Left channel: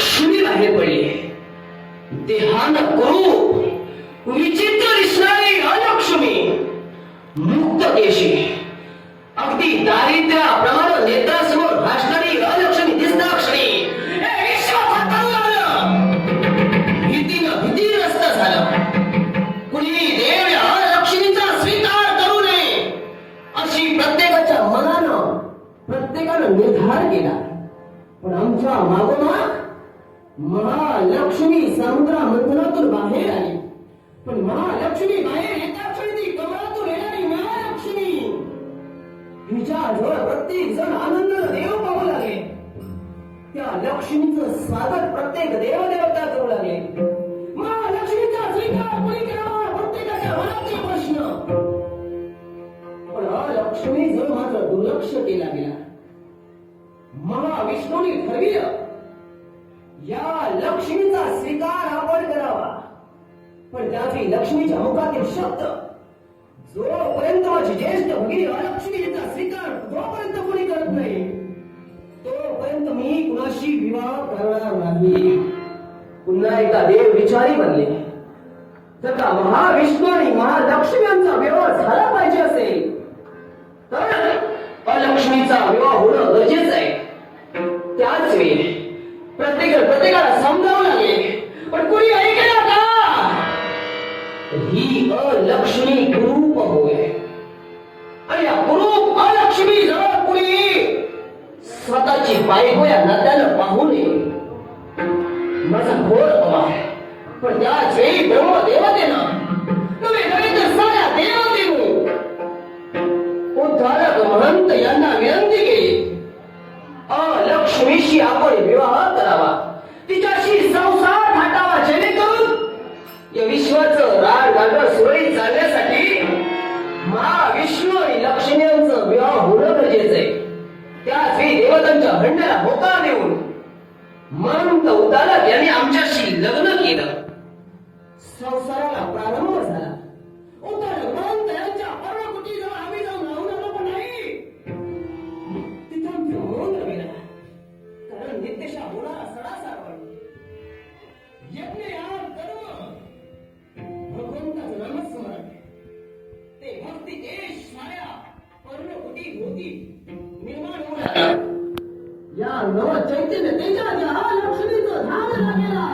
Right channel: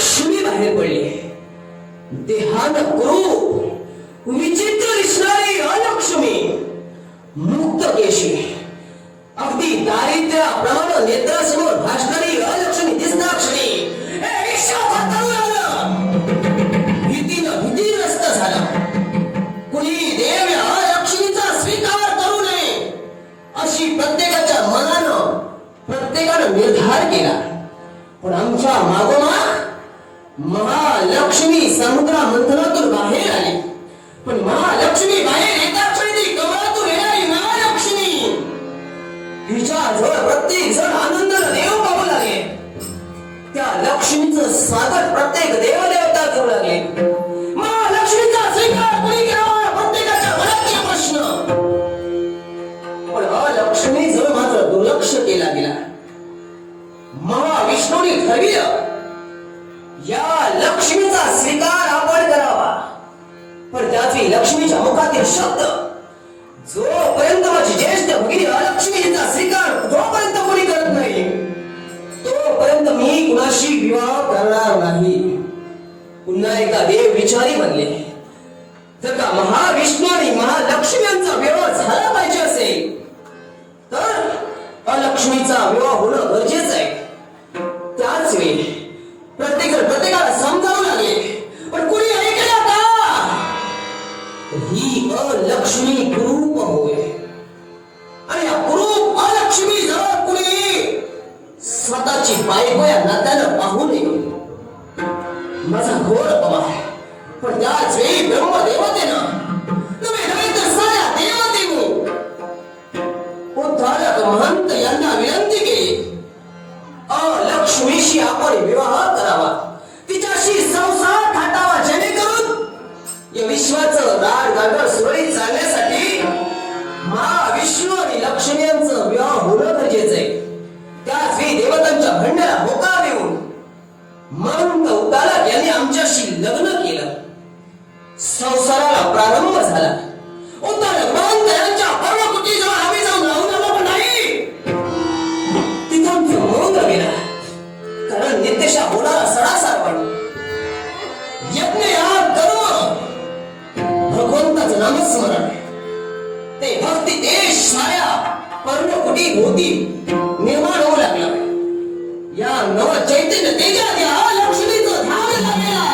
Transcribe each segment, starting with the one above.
लक्ष्मी बाहेर पडली. देहान क्रूप विचित्र दिसणारी अलक्ष्मी, मुक्त केशी, अगदी दारिद्र्याप्रमाणे नेत्रासमोर भासणारी अलक्ष्मी दिसणाक्षणी भीतीनं भीतीग्रस्त झालं. कुणी देव या अलक्ष्मीचा स्वीकार करू नये अशी प्रत्येकाच्या मनानं प्रत्येकानं निर्धार केला. पण आमच्या मागोमाग महालक्ष्मी समुद्रा मंथनातून बाहेर आली. पण महालक्ष्मी बाहेर येताक्षणी ती कमळातून येणारी महालक्ष्मी, हिच्याजवळ प्रत्येक जण आनंदाने देव पाहू लागले. त्या लक्ष्मीचं स्वागत प्रत्येक देवदेवता करू लागले. महालक्ष्मीचा स्वीकार कोणी करावा प्रत्येकाच्या मनातील प्रश्न. पण महालक्ष्मीजवळ मात्र दुर्लक्ष केला गेला. महाविष्णूने ठरविलं या लक्ष्मीचा स्वीकार आपण करावा. पण त्याची लक्ष्मीच्या मुखातील शब्द, जोपर्यंत माझी ज्येष्ठ भगिनी अलक्ष्मीचा स्वीकार जोपर्यंत कोणी करत नाही तोपर्यंत मी कुणाशी विवाह करणार नाही. पुन्हा एकदा देव विचारी बनले. जर का महाविष्णू आणि महालक्ष्मी यांचा विवाह झाला पाहिजे असेल तर अलक्ष्मीचा विवाह होणं गरजेचं आहे. त्याच वेळी प्रत्येकाला समजावं लागेल. पण कोणी ऐकलं का? ही अलक्ष्मी कुरूप होय आणि या कुरूप अलक्ष्मी जवळ कुणी स्वतःची बायको या नात्यानं पाहू नये. माझा घोर अपमान. पण त्याच वेळी ब्रह्मदेवतेनं नव्हे तर साऱ्या देवतेनं उद्धारक महंत यांना विनंती केली, अलक्ष्मीशी आपण विवाह करावा, तिच्याशी संसार थाटावा, जेणेकरून या विश्वाचं राडगाडर सुरळीत चालण्यासाठी महाविष्णू आणि लक्ष्मी यांचं विवाह होणं गरजेचं आहे. त्याच वेळी देवतांच्या म्हणण्याला होकार देऊन महंत उद्धारक यांनी आमच्याशी लग्न केलं. संसाराला प्रारंभ झाला. उद्धारक महंत यांच्या पर्णकुटीजवळ आम्ही जाऊन राहून आलो पण नाही. तिथं आमचं मौन गेला. कारण नित्यशा होणारा सडासार पण यज्ञ याग करून भगवंताचं नामस्मरण ते भक्ती ते साऱ्या पर्णकुटी भोवती निर्माण होऊ लागलं. या नव चैतन्य तेजात या अलक्ष्मीचं ध्यान लागेला.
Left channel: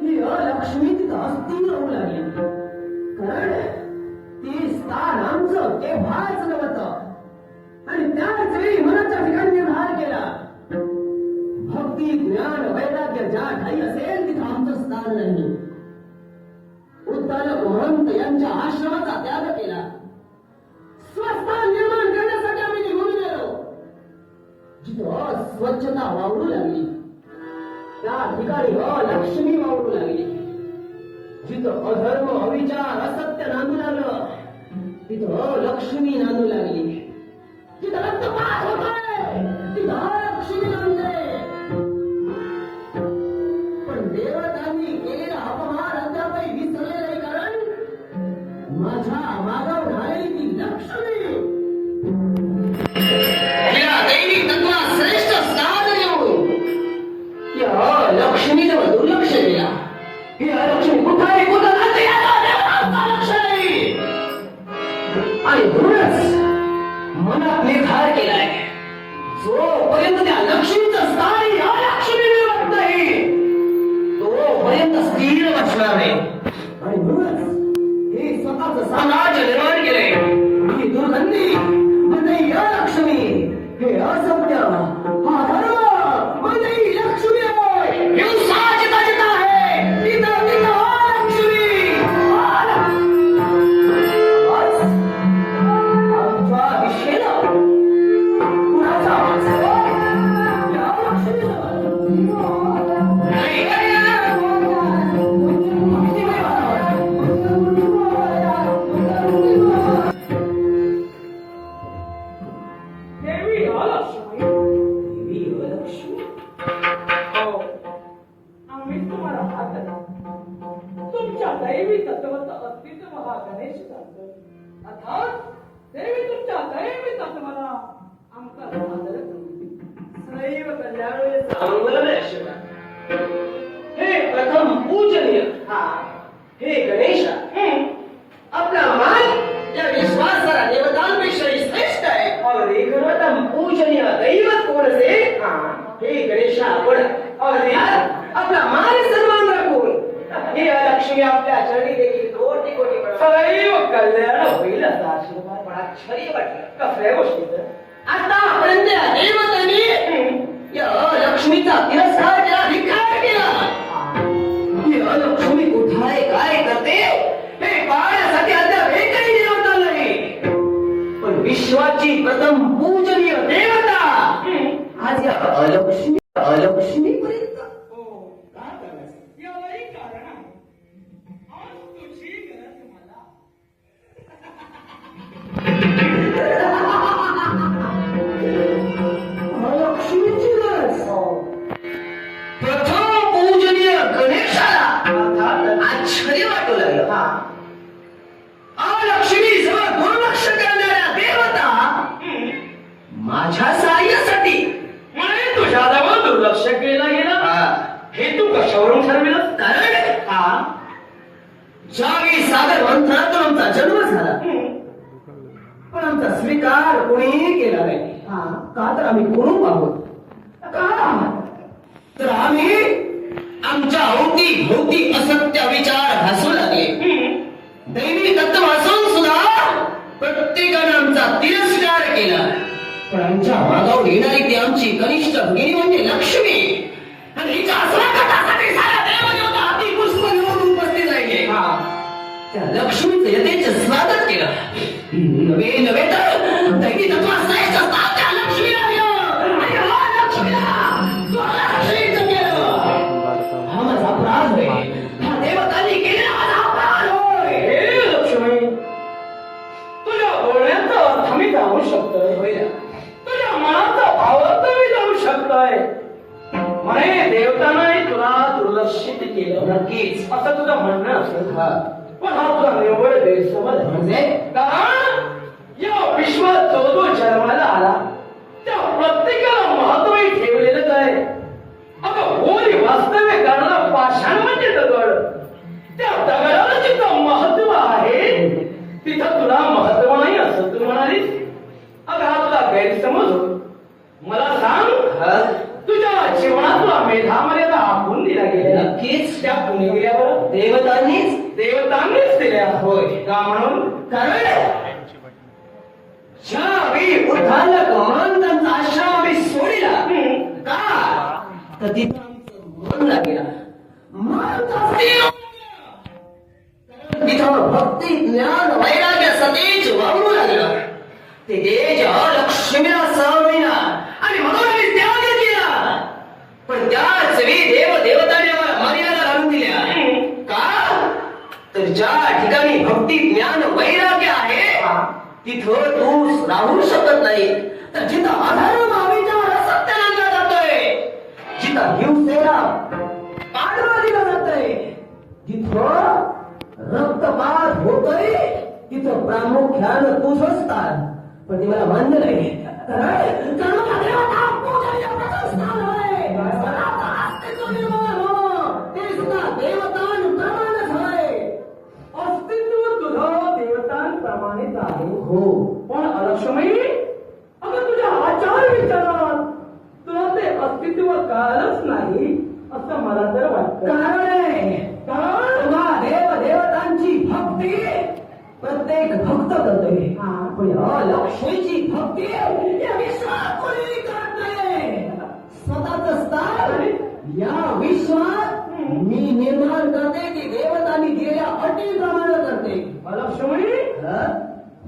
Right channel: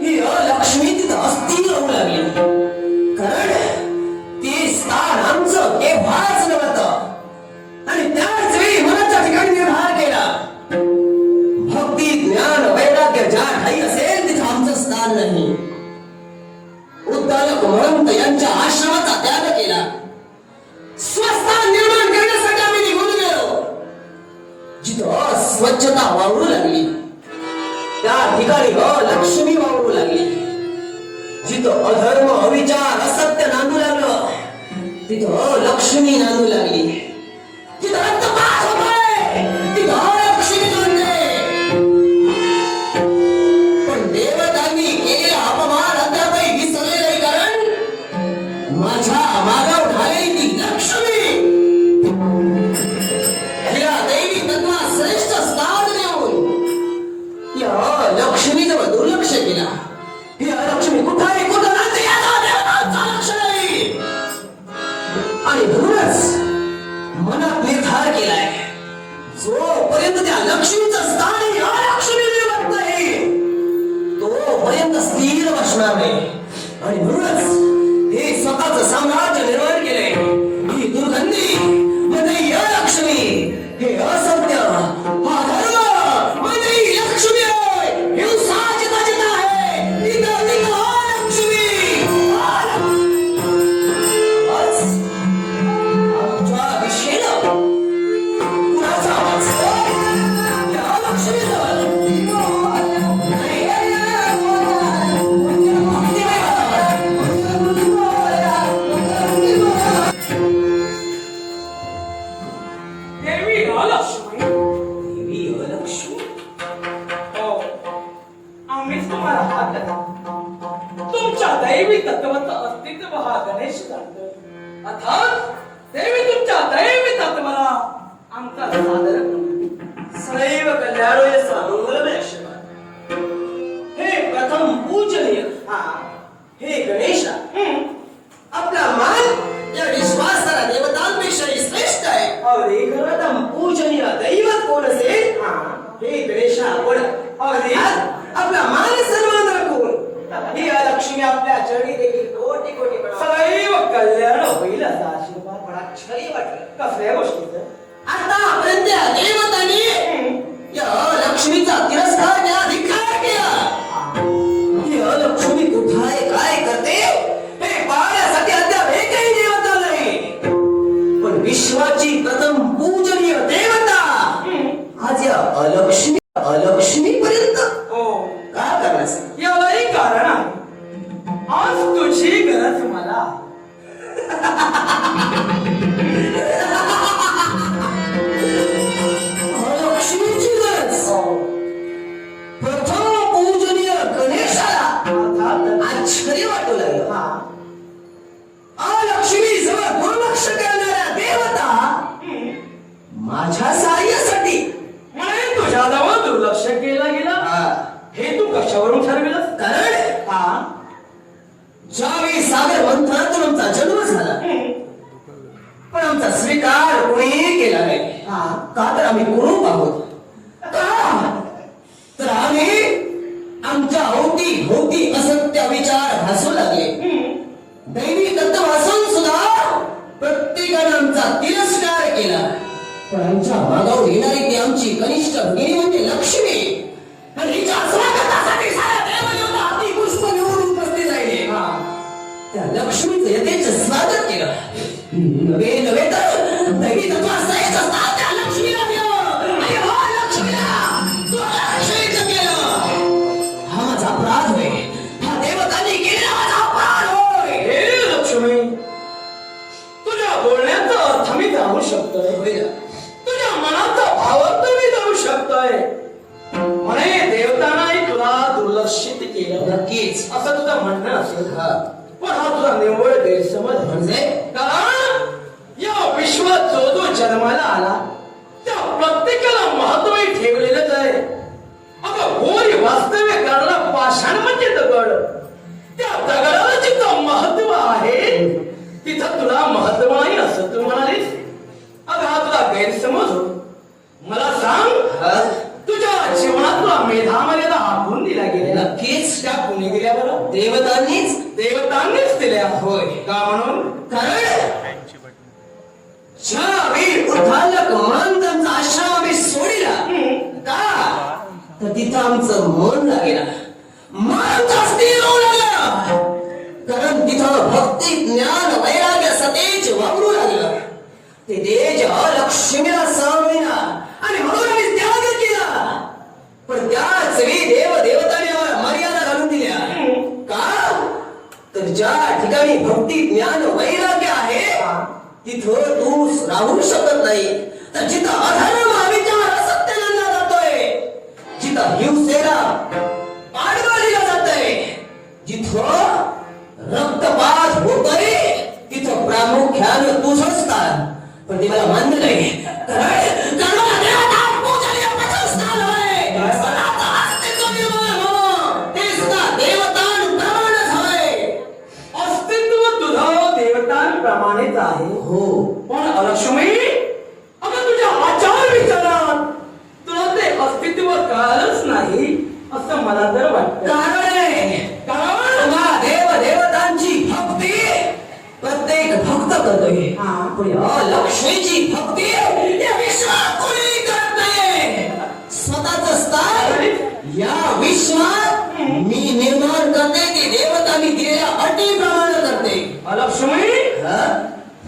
ही अलक्ष्मी तिथं अस्थिर होऊ लागली. कारण ती स्थान आमचं केव्हाच नव्हतं. आणि त्याच वेळी मनाच्या ठिकाणी निर्धार केला, भक्ती ज्ञान वैराग्य ज्या ठाई असेल तिथं आमचं स्थान नाही. उद्धारक महंत यांच्या आश्रमाचा त्याग केला. स्वस्थान निर्माण करण्यासाठी आम्ही निघून गेलो. जिथं स्वच्छता वावरू लागली त्या ठिकाणी लक्ष्मी वावरू लागली. जिथं अधर्म अविचार असत्य नांदू लागलं तिथं लक्ष्मी नांदू लागली. जिथं रक्तपात होतोय तिथं लक्ष्मी नांदते. पण देवतांनी केलेला अपमान अद्यापही विसरले नाही. कारण माझ्या मागावर ढालेली ती लक्ष्मी तिला दैवी तत्वात श्रेष्ठ स्थान देऊन या लक्ष्मीजवळ दुर्लक्ष केला. ही लक्ष्मी कुठं आहे कुठं नाही याचा देवतांचा लक्ष नाही. आणि म्हणूनच अगदी आपला मान सन्मान राखून ही लक्ष्मी आपल्या चरणी देखील कोटी कोटी सदैव कल्याण होईल असा आशीर्वाद मला छरी वाटलं. कसल्या गोष्टीचं आतापर्यंत या देवतांनी या लक्ष्मीचा तिरस्कार केला, धिक्कार केला. या लक्ष्मी कुठे आहे, काय करते हे पाहण्यासाठी अद्याप एकही देवता नाही. पण विश्वाची प्रथम पूजनीय देवता आज या अलक्ष्मी पर्यंत हो का करण्यास यालाही कारण आहे. आज तुझी गरज मला आहे. लक्ष्मीची गरज हो. प्रथम पूजनीय गणेशाला अर्थात आश्चर्य वाटू लागलं. हा लक्ष्मी जवळ दुर्लक्ष करणाऱ्या देवता माझ्या सहाय्यासाठी म्हणे तुझ्याजवळ दुर्लक्ष केलं गेलं हे तू कशावरून ठरविलं कारण हा ज्यावेळी सागर मंथनातून आमचा जन्म झाला पण आमचा स्वीकार कोणीही केला नाही. का तर आम्ही कुरूप आहोत. का तर आम्ही आमच्या अवती भोवती असत्य विचार घासू लागले. दैवी तत्व असून सुद्धा प्रत्येकाने आमचा तिरस्कार केला. पण आमच्या मागावर येणारी ती आमची कनिष्ठ भगिनी म्हणजे लक्ष्मी आणि हिच्या स्वागतासाठी साऱ्या देवदेवता अति पुष्प घेऊन उपस्थित राहिले. त्या लक्ष्मीचं यथेच स्वागत केलं. नवे तर दैवी तत्वाश्रयच असतात त्या लक्ष्मीला दिलं. आणि हो लक्ष्मीला तू आश्रयच केलं. हा माझा अपराध होय. हा देवतांनी केलेला माझा अपराध होय. हे लक्ष्मी तुझ्या बोलण्याचा अर्थ मी जाणू शकतोय. होय ना? तुझ्या मनाचा भावार्थ मी जाणू शकतोय. म्हणे देवतांनाही तुला दुर्लक्षित केलं नक्कीच. असं तुझं म्हणणं असेल. हा. पण हा तुझा निव्वळ गैरसमज आहे. म्हणजे कारण या विश्वात जो जो जन्माला आला त्या प्रत्येकाला महत्वही ठेवलेलंच आहे. अगं होरी वास्तव्य करणारा पाषाण म्हणजे दगड. त्या दगडाला जिथं महत्व आहे तिथं तुला महत्व नाही असं तू म्हणालीस. अगं हा तुला गैरसमज हो. मला सांग हा? तुझ्या जीवनात तुला मेधामर्यादा आखून दिला गेलेला नक्कीच त्या कुणी दिल्या बरं देवतांनीच दिल्या. होय. का म्हणून कारण ज्यावेळी उद्धारक महंतांचा आश्रम आम्ही सोडिला का तर तिथं आमचं मन लागेल. मन स्थिर होऊ लागलं. कारण तिथं भक्ती ज्ञान वैराग्य सतेज वावरू लागलं. ते तेज लक्ष्मीला सहन होईना आणि म्हणून आम्ही त्याग केला. पण त्याच वेळी देव देवताने आम्हाला मर्यादा घालून दिल्या. का तर ज्या ठिकाणी भक्ती ज्ञान वैराग्य आहे तिथं तू राहू शकत नाही. तर जिथं अधर्म अविचार असत्य आणला जातोय, जिथं हिंसेला पाठबळ दिलं जातंय, जिथं रक्तपात होतोय तिथं प्रामुख्यानं तुझं स्थान. पण ते मला मान्य नाही. कारण देवता पूजनीय प्रथम स्थान आहे. स्वतःचं अस्तित्व निर्माण होणं ते सुद्धा देवतांप्रमाणेच आहे. अस्तित्व तुझं देवतांप्रमाणेच आहे. हो. पण लक्ष्मी अगं तुझ्या आचार विचारात तुला ते अस्तित्व कळलंच नाही असं मला तर वाटतं. कारण आहे. कारण तुम्हा देव देवतांची भक्ती प्रत्येक भक्त करतोय. पण या लक्ष्मीची भक्ती या विश्वात कोणी करत नाही. स्वतःच स्थान या विश्वात मी निर्माण करते. ती देवतांनी दिलेल्या अटीप्रमाणे करते. लक्ष्मी हा?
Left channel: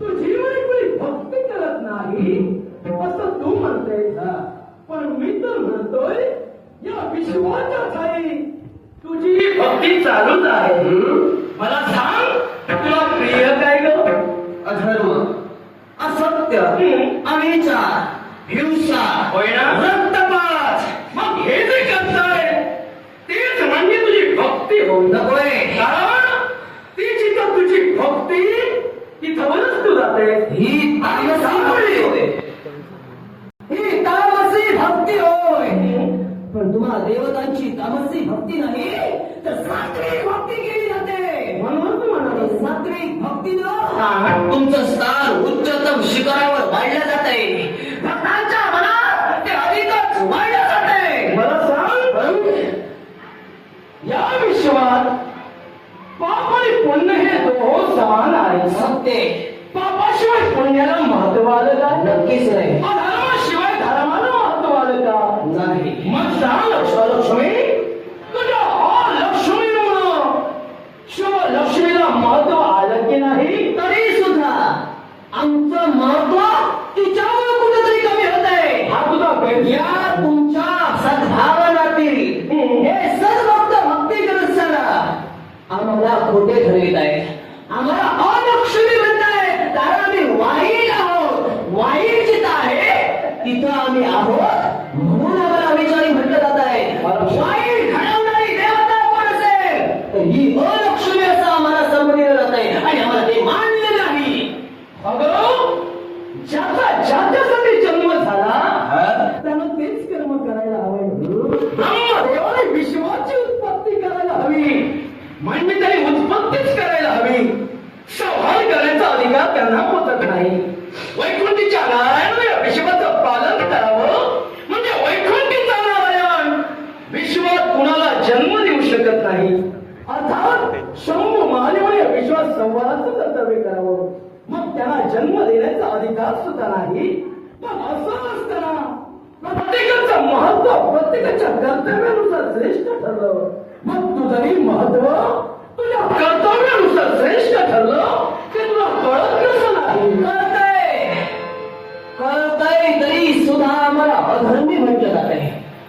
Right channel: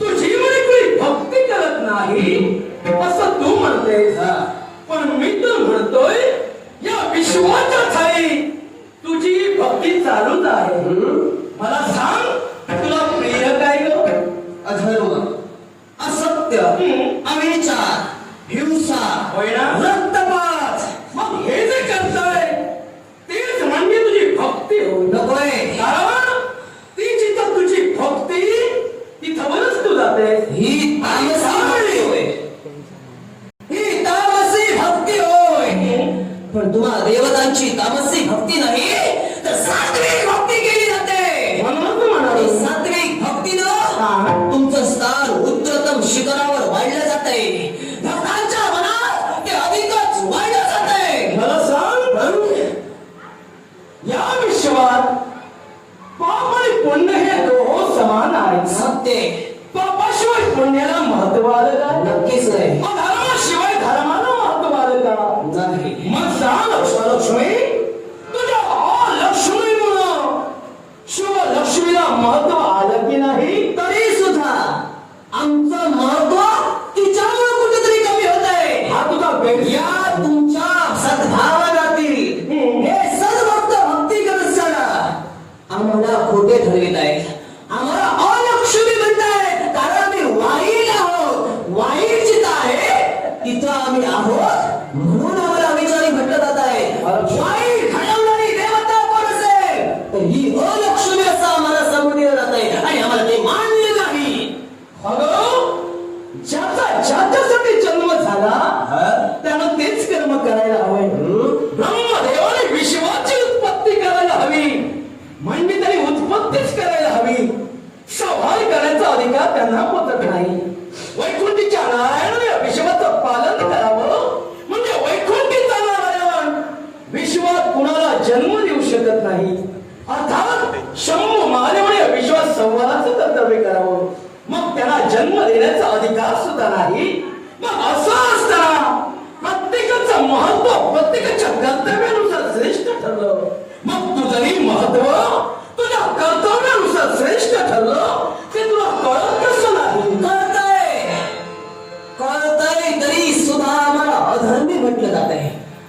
तुझी म्हणे कोणी भक्ती करत नाही असं तू म्हणतेस. हा. पण मी तर म्हणतोय या विश्वाच्या ठाई तुझी भक्ती चालूच आहे. मला सांग तुला प्रिय काय ग? अधर्म, असत्य, अविचार, हिंसा, होय ना? रक्तपात. मग हे जे करताय तेच म्हणजे तुझी भक्ती हो. नकोय. कारण ती जिथं तुझी भक्ती तिथवरच तू जाते. ही तामसी भक्ती होय. ही तामसी भक्ती होय. पण तुम्हा देवतांची तामसी भक्ती नाही तर सात्विक भक्ती केली जाते. म्हणूनच म्हणालो सात्विक भक्तीनं तुमचं स्थान उच्चतम शिखरावर वाढलं जातंय. भक्तांच्या मनात ते अधिकच वाढलं जातंय. मला सांग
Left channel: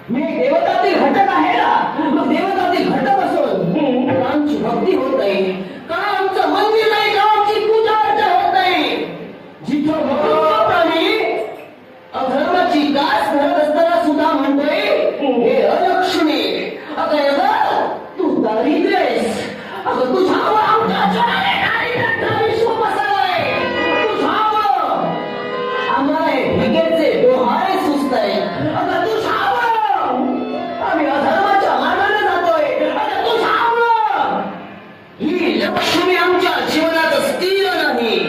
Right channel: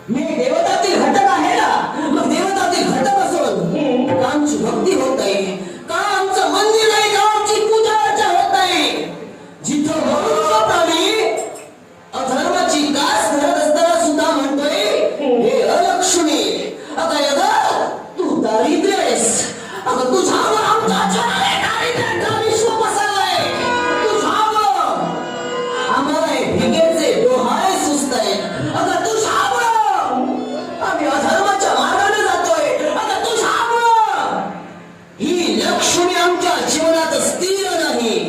मी देवतातील घटक आहे ना, मग देवतातील घटक असून का आमची भक्ती होत नाही, का आमचं मंदिर नाही, का आमची पूजा अर्चा होत नाही? जिथं मनुष्य प्राणी अधर्माची कास धरत असताना सुद्धा म्हणतोय, हे अलक्ष्मी, अगं अगं तू दारिद्र्य आहेस, अगं तुझ्यावर आमच्या जनाने दारिद्र्याचा विश्व पसरलाय, तुझ्यावर आम्हाला हे भिकेचे डोहाळे सुचताय, अगं तुझ्यावर आम्ही अधर्माच्या मार्गाने जातोय, अगं तुझ्यावर ही लक्ष्मी आमच्या जीवनात स्थिर नाही.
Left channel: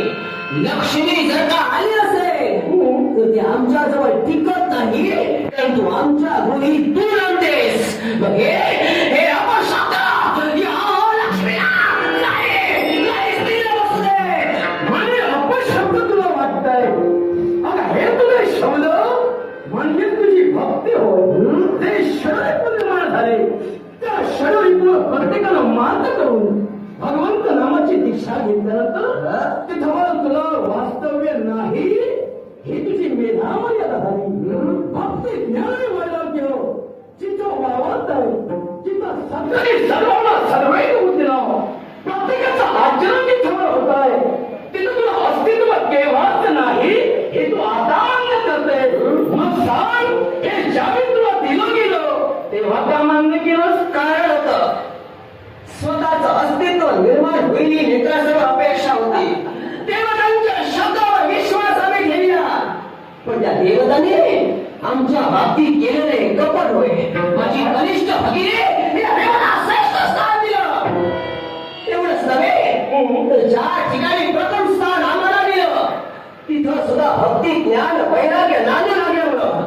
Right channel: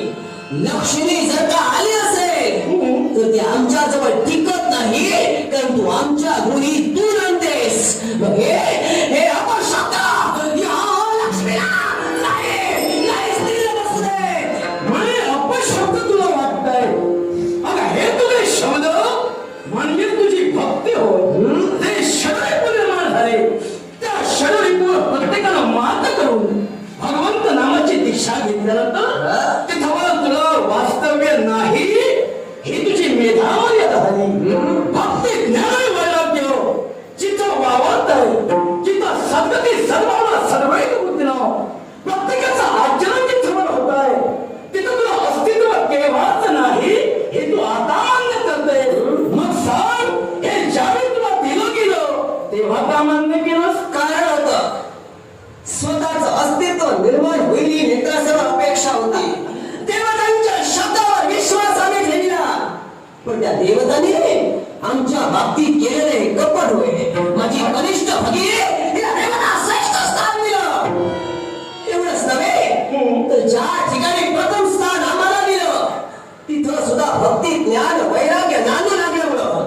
लक्ष्मी जर का आली असेल तर ती आमच्या जवळ टिकत नाही, कारण तू आमच्या गृही दूर आणतेस. मग हे अपशब्द या लक्ष्मीला नाही स्थिर बसू दे. म्हणे अपशब्द तुला वाटतंय? अगं हे तुझे शब्द म्हणजे तुझी भक्ती होय. जे षडरिपू निर्माण झाले त्या षडरिपूवर प्रत्येकाला मात करून भगवंत नामाची दीक्षा घेतल्यानंतर तिथं तुला वास्तव्य नाही, ही तुझी मेधा मर्यादा झाली. भक्ती ज्ञान वैराग्य जिथं वावरत आहे, जिथं सद्गती सर्वांना सर्वैक बुद्धिनाव प्रत्येकाचं आचरण जिथं होत आहे, तिथं तुला अस्तित्व केव्हाच नाही हे तू आता मान्य करते. मग सांग, हे ज्यावेळी तुला दिलं गेलं तेव्हा का मान्य केलंस? कारण होतं स्वतःच अस्तित्व निर्माण होईल ही मित्रासमोर अपेक्षा होती. देवतांच्या शब्दावर विश्वास आम्ही ठेवला, पण त्या देवतांनी आमच्या बाबतीत केलेले कपट होय. माझी कनिष्ठ भगिनी तिला देवता श्रेष्ठ स्थान दिलं. एवढंच नव्हे तर ज्या ठिकाणी प्रथम स्थान आम्हाला दिलं तिथं सुद्धा भक्ती ज्ञान वैराग्य नांदू लागल्यामुळं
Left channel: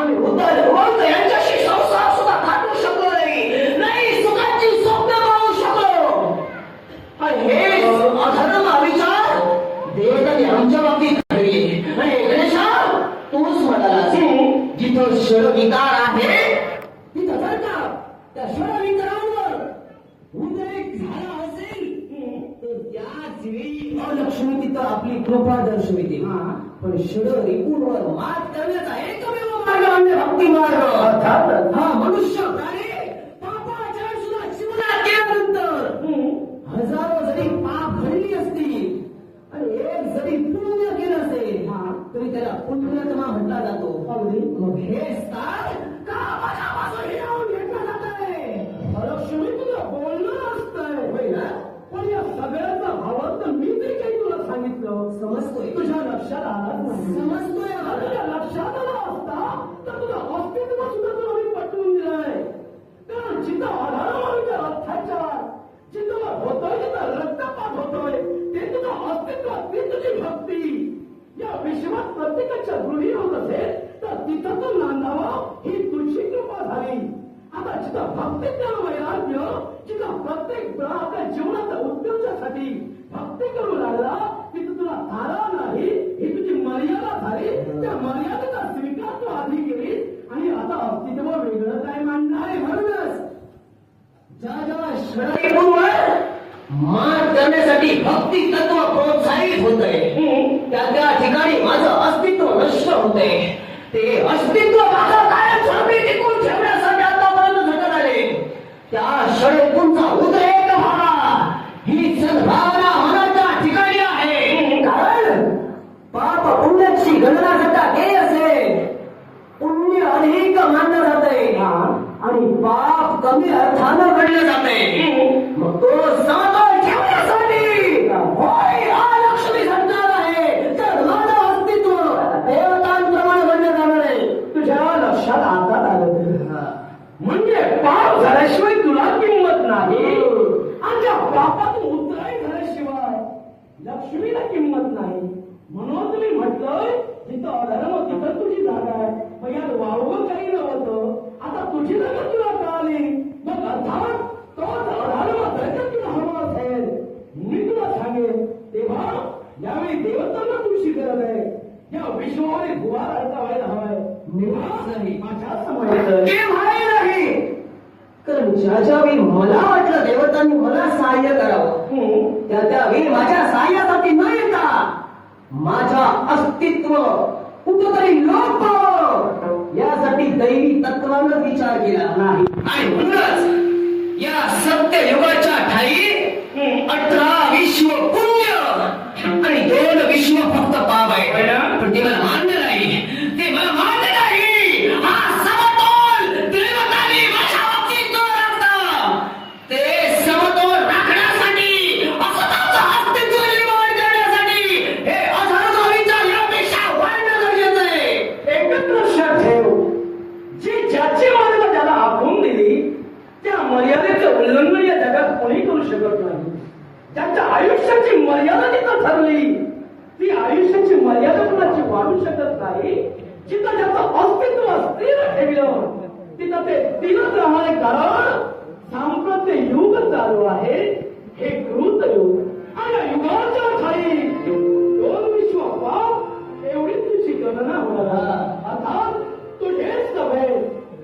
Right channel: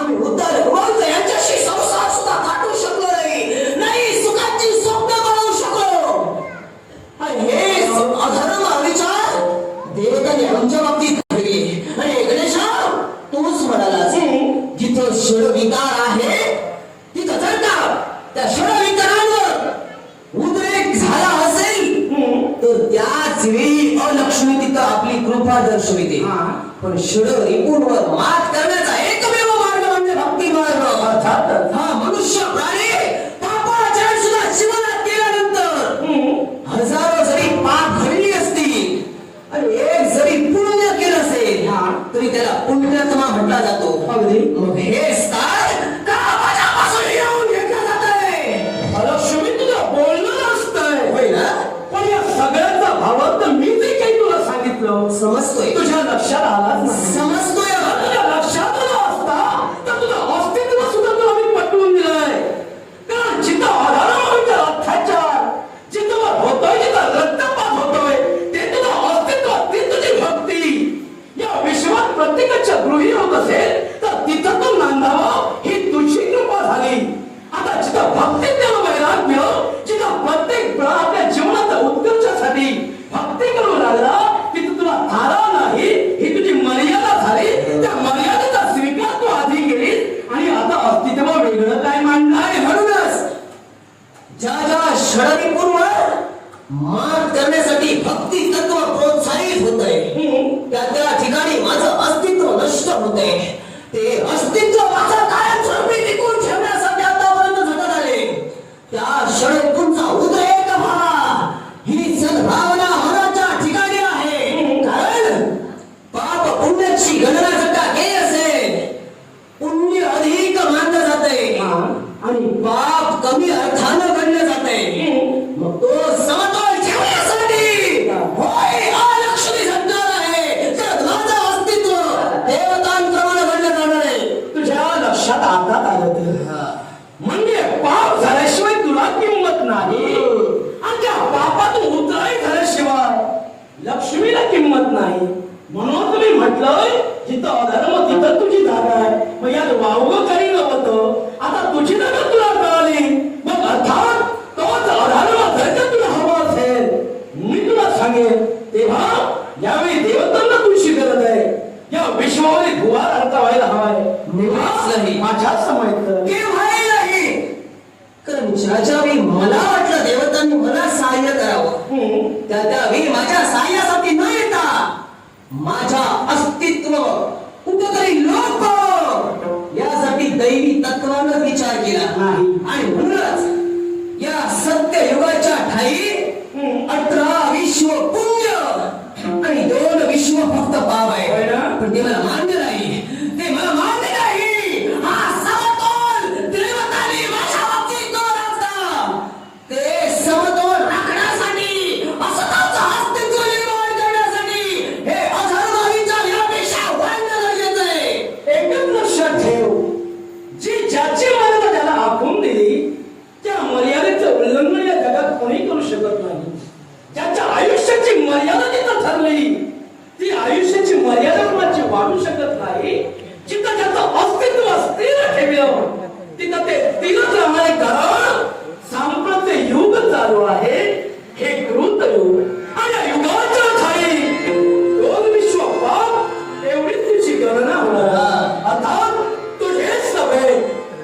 आम्ही उद्धार भगवंत यांच्याशी संसार सुद्धा थाटू शकलो नाही सुखाची स्वप्न पाहू शकलो. आणि हे अधर्म विचार देवतांनी आमच्या बाबतीत घडले. आणि गणेशा तूच म्हणालास जिथं षडविकार आहे तिथं जर का त्या षडविकारांवर उद्रेक झाला असेल तर त्याच वेळी अलक्ष्मी तिथं आपली कृपा दर्शविते. पण षडरिपूंवर मात करण्याचा एकमेव मार्ग म्हणजे भक्ती मार्ग. अर्थात हा मनुष्य प्राणी पापाचरण सुद्धा जीवनात केल्यानंतर हजारो जरी पाप घडली असतील आणि एक जरी पुण्य केलं असेल तरी त्याला पुण्यात्मा म्हटला जातो. अगदी मग हे स्थान का माझ्यापासून येऊन घेतलं जातंय? अलक्ष्मी तुझं बोलणं असतंय होय ना? पण या सगळ्याचा भावार्थ मी जे काही तुला सांगितलं समजतोय, तुझ्या लक्षात आलाच नाही. समजतोय. तुझ्या लक्षात आला असता तर तुझं अस्तित्व सुद्धा तुला मी पटवून दिलंय. कारण जिथं अधर्माचा अत्याचार जिथं होतोय, जिथं रक्तपात होतोय, ते तुझं अस्तित्व, ती तुझी भक्ती या विश्वात प्रत्येकाच्या गृही होत असेल तर तिथं तू नांदावं ही तुझी कृपा झाली. आता जिथं भक्ती त्याला वैराग्य, जिथं प्रत्येक प्राण आपल्या जीवनाच्या उत्कर्षासाठी भक्ती करू लागला तिथं तुला थारा नाही ही तुझी मर्यादा झाली. त्या मर्यादेचा स्वीकार तू आधी केलीस आणि आता अस्तित्व वेगळं काय मांडणार? आणि म्हणूनच ज्या ज्या षडरिपूंवर मात करण्यासाठी भक्ती तत्व प्रोत्साहित होतंय त्या ठिकाणी माझं अस्तित्व नष्ट होतंय. ते अस्तित्व माझं कायमस्वरूपी टिकून ठेवण्यासाठी आतापर्यंत झटत आले. त्या षडरिपूंचा उद्रेक व्हावा ही सद्भावना होण्याच्या ठिकाणी आहे. कारण पाप पुण्याची गणना जर का केली असेल पुण्य अधिक मानलं जातंय आणि पाप कमी अर्थानं घडले जाते. मग तो समतोल ठेवण्यासाठी होय लक्ष्मी झटणार आहे. तर माझं अस्तित्व देवतांप्रमाणे घडलं जाणार आहे. तुझ्या लक्षात आता आलं म्हणजे पाप झाल्याशिवाय तुला किंमत नाही आणि त्या पापातून उतराई झाल्याशिवाय लक्ष्मीला किंमत नाही. म्हणून तुम्ही म्हटलंय जिथं अधर्म तिथं तुझी जागा आहे. मग यात वावगं काही नव्हतं. आता तुझी जागा तुला कळाली. मग अर्थात तोच अधर्म जर का तुला हवा असेल मी तुला सांगेन तेव्हा यावेळी देवतांना तुझी गरज आहे. या विश्वामध्ये गुहार अर्थ व्हायला हवाय. निवास नाही माझ्या समोर केव्हाही नाही. कारण ज्याच्या वेळी मला वाटलं देवतांनी मला सहाय्य करावं त्या वेळी माझ्या सहाय्यासाठी न येता माझ्या अस्तित्व कुठेतरी लोक यासाठी दैवी तत्व मनानं विचार केला नाही. आणि म्हणूनच या सत्य युगाच्या ठाई 18 विश्व पुण्य आणि 2 विश्व फक्त पाप आहे. होय ना? पण ते मला मान्य नाही, ते मला मान्य नाही. हा समतोल देवतांनी माझ्या बाबतीत तो राखला. ते समतोल राखण्यासाठी असताचं अस्तित्व निर्माण करण्यासाठी हे अधर्माविचा यापेक्षा वाढणं गरजेचं आहे. एकच लक्षात ठेव, जी ज्याची मर्यादा त्याला आखून दिली त्या मर्यादेचं उल्लंघन या जगात कोणी करू शकत नाही. ज्याच्या आयुष्याची मर्यादा जिथं ठरली ती आयुष्याची मर्यादा कोणाची वाढू शकत नाही. जिथं ज्याचं अस्तित्व स्थिर ठेवलं तिथं ते स्थिरच राहणार आहे. कारण सांप्रत्य युग चालू आहे, हे कृत युग. आणि या युगाच्या ठाई 2 विश्व पाप एवढीच तुझी गणना होणार. अर्थात तुझेच नव्हे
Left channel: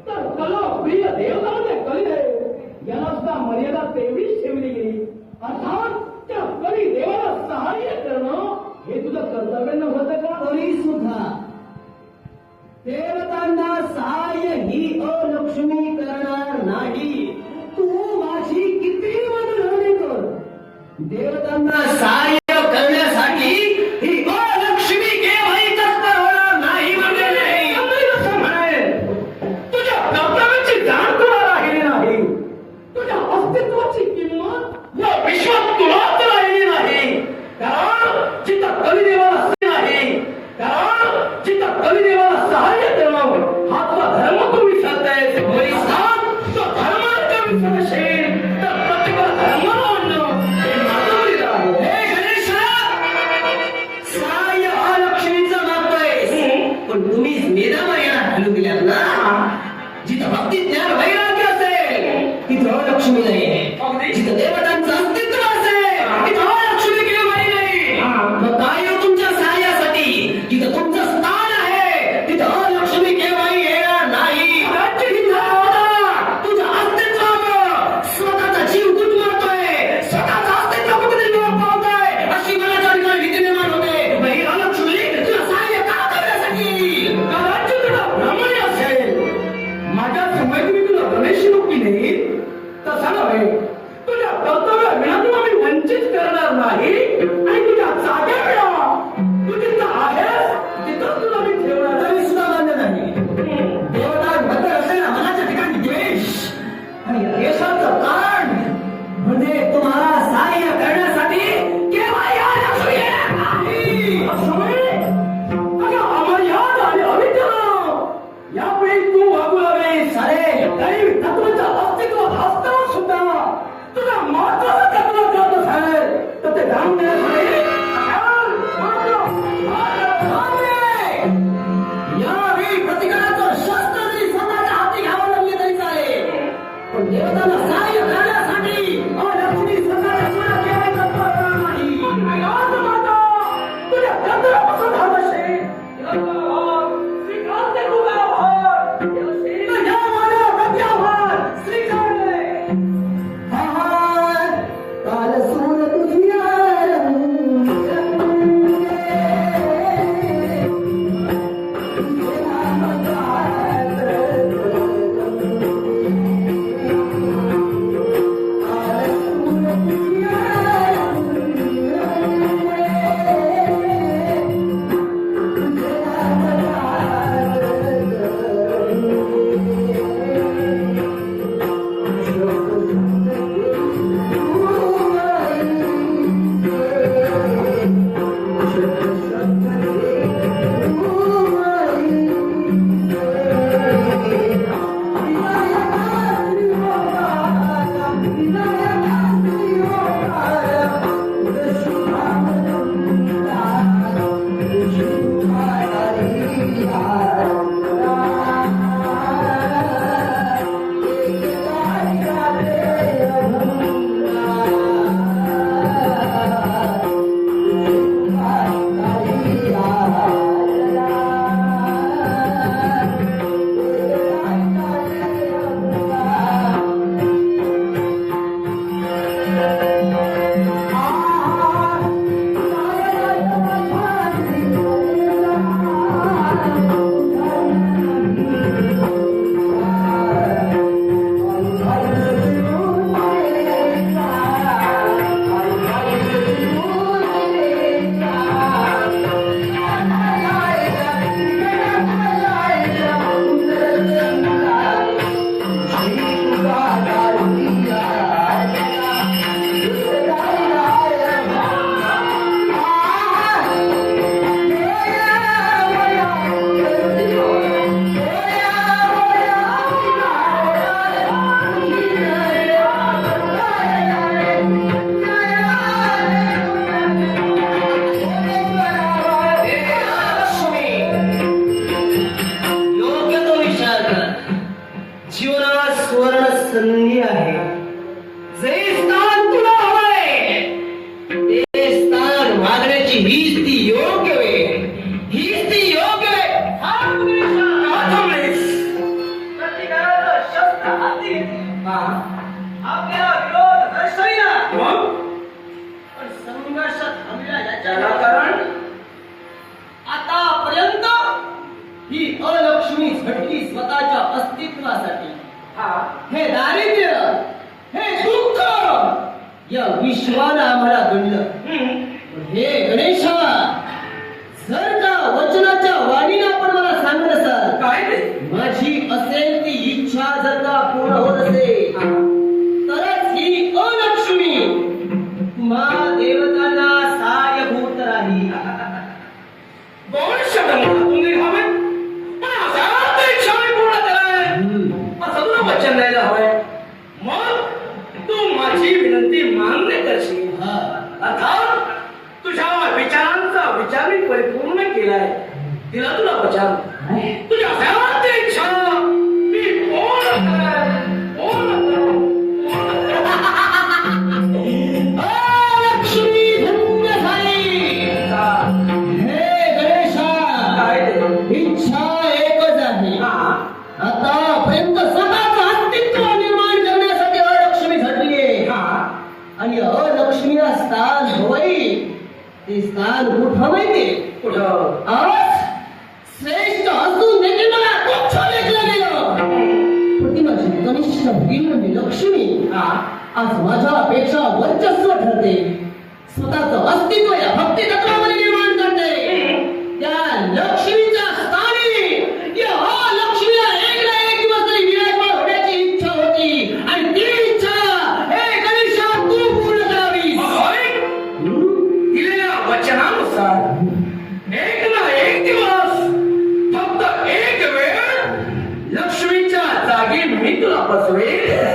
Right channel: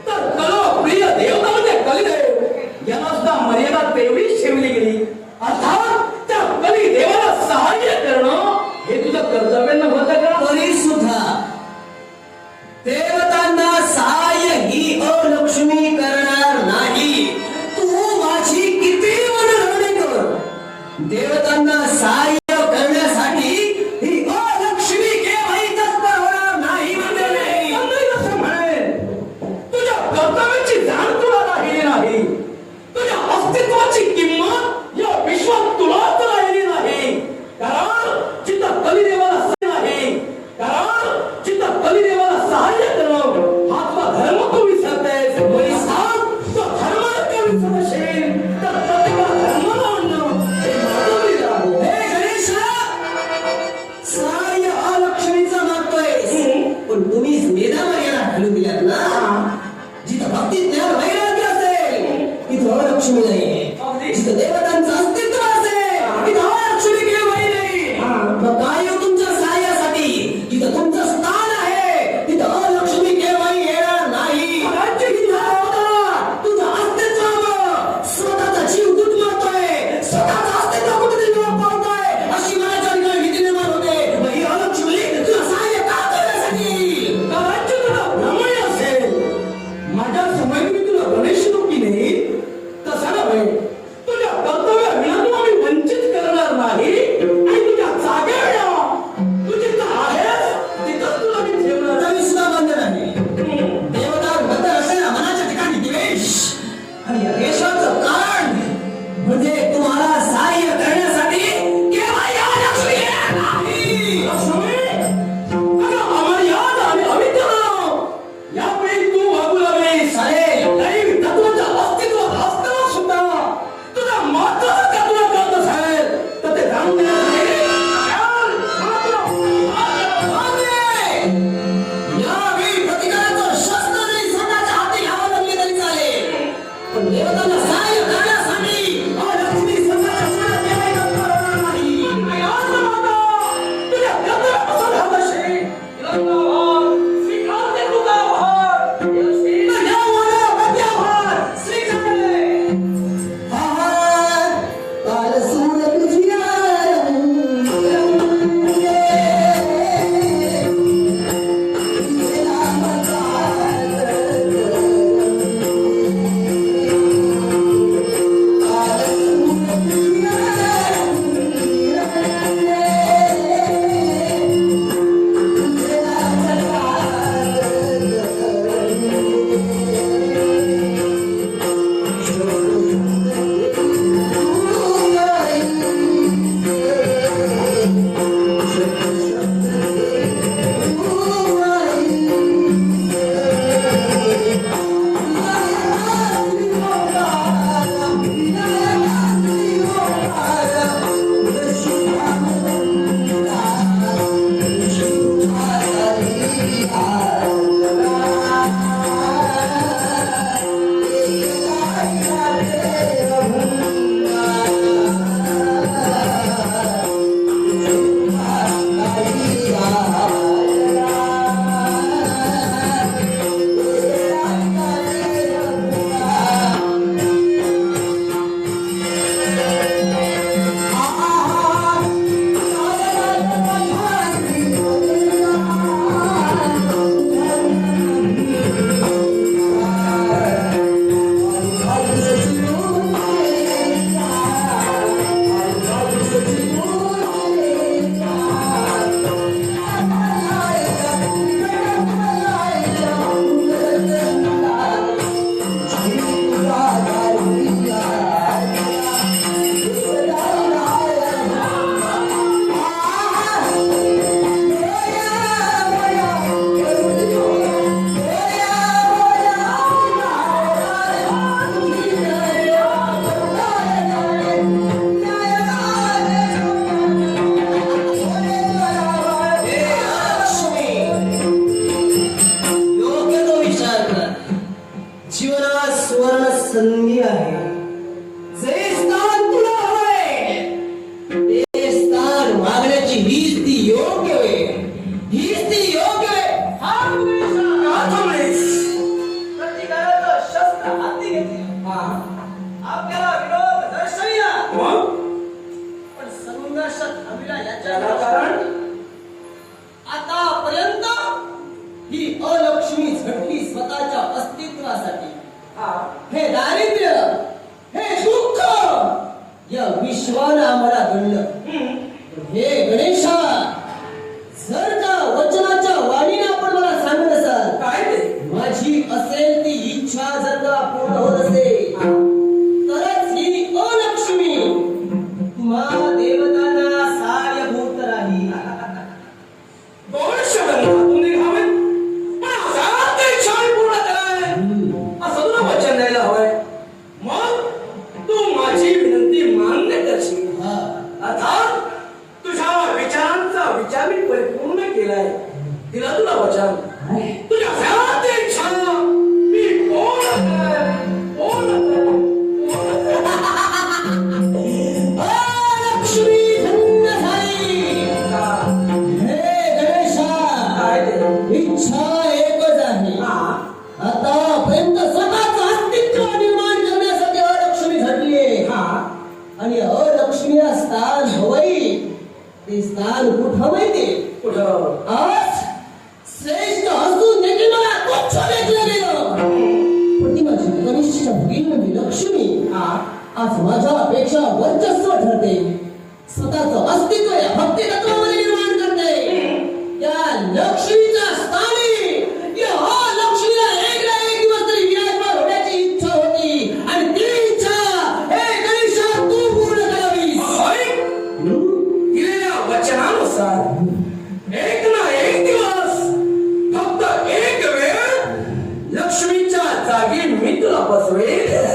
तर कलो प्रिय देवता म्हणजे कलिदेव याला सुद्धा मर्यादा तेवढीच ठेवली गेली. अर्थात त्या कलिदेवाला सहाय्य करणं हे तुझं कर्तव्य नव्हतं का? तरी सुद्धा देवतांना सहाय्य ही अलक्ष्मी करणार नाही. तू माझी किती मनरवणी कर, देवतांना सहाय्य करण्यासाठी ही अलक्ष्मी केव्हाही तत्पर होणार नाही म्हणजे नाही. असं म्हणेन, तुझ्या कर्तव्याची जाण तुला राहिली नाही. तुझ्या अस्तित्वाची किंमत या विश्वात तुलाच राहिली नाही. कारण जिथं कलिदेवाला नाही, कारण जिथं कलिदेवाला सहाय्य करणं हा तुझा धर्म तू विसरतेस. तो धर्म जर विसरशील तर प्रतिभा धर्म म्हणणं हे मानवी आहे. हे गणेश, सहाय्य अलक्ष्मीचं मागतोय, पण तुम्ही वेदामर्यादा घालून दिल्यात ना. जिथं भक्ती ज्ञान वैराग्य असेल तिथं अलक्ष्मी नाही. जिथं देवतांचं अस्तित्व असेल तिथं अलक्ष्मी केव्हाही नाही. मग काय हो तुमच्या सहाय्यासाठी? जिथं तुमचं स्थान आहे तिथं अलक्ष्मी केव्हाही येणार नाही. तुझं अस्तित्वावर स्वतःचा जीव गुदमरतोय, स्वतःचं अस्तित्व कुठेतरी लोप पावतोय, अशी मनाच्या ठिकाणी भीती निर्माण होते. मग ही अलक्ष्मी तुला सहाय्य का करण्यासाठी? कदाचित तुला भ्रमणी असेल. माझ्या समयी मी तुला गणेश रूपी नाही तसा नव्हे. जीवनात सुवर्ण संधी आहे. जे स्थान तुला हवंय ते स्थान मागण्याची हीच ती योग्य वेळ, हीच ती योग्य वेळ. हा थांबलीस. प्रतिकाराचं शस्त्र हाती घेतले. आपल्याला विरोध दर्शविला. पण संघर्ष थांबला याच्याला कारण आतापर्यंत ही अलक्ष्मी झटली स्वतःच्या अस्तित्वासाठी. हे दारिद्र्य, हे दुःख या विश्वानं आम्हाला गणलं. हे गणेशा, जर का वचनाच्या वाणीने आपण मला सांगत असाल काय ते माझी असेल ती इच्छा जर का पूर्ण होत असेल तरच ही अलक्ष्मी तुम्हा देवतांना सहाय्यभूत राहील. कोण शब्द मुखातून निघावे पण असा तरी इच्छा मी पूर्ण कराय असं तुला वचन द्यायला हवंय. मग तू माझी विनंती मान्य करशील. अर्थात तुझ्या विचारांचा विचार मी परिपूर्ण केलाय. दिला तुला वचन. तुझ्या सर्वात इच्छा मी पूर्ण करेन, पूर्ण करेन. अलक्ष्मी धन्य झाली. हे गणेशा, काय ते? इच्छा एकच आहे. आतापर्यंत स्वतःचं अस्तित्व निर्माण करण्यासाठी अलक्ष्मी झटलीये. आणि अलक्ष्मीला स्थान हवंय. ते स्थान कुठं माहिती? कुठं? आज श्रेष्ठ असून देखील मला तुच्छ लेखलं गेलं. प्रतिमाची कनिष्ठ भगिनी म्हणजे लक्ष्मी आज माझ्यापेक्षा वर्चस्व ठरते. स्वतःचं अस्तित्व या भक्ती तत्वामध्ये निर्माण करते. त्या लक्ष्मीच्या स्थानी या लक्ष्मीला एक ना एक दिवस तरी विराजमान होण्याची इच्छा होती. आणि ती इच्छा हे गणेशा तू पूर्ण करावीस. दिलेल्या वचनानुसार एक ना एक दिवस, फक्त एक वेळ लक्ष्मीच्या जागी मी तुला बसवेल.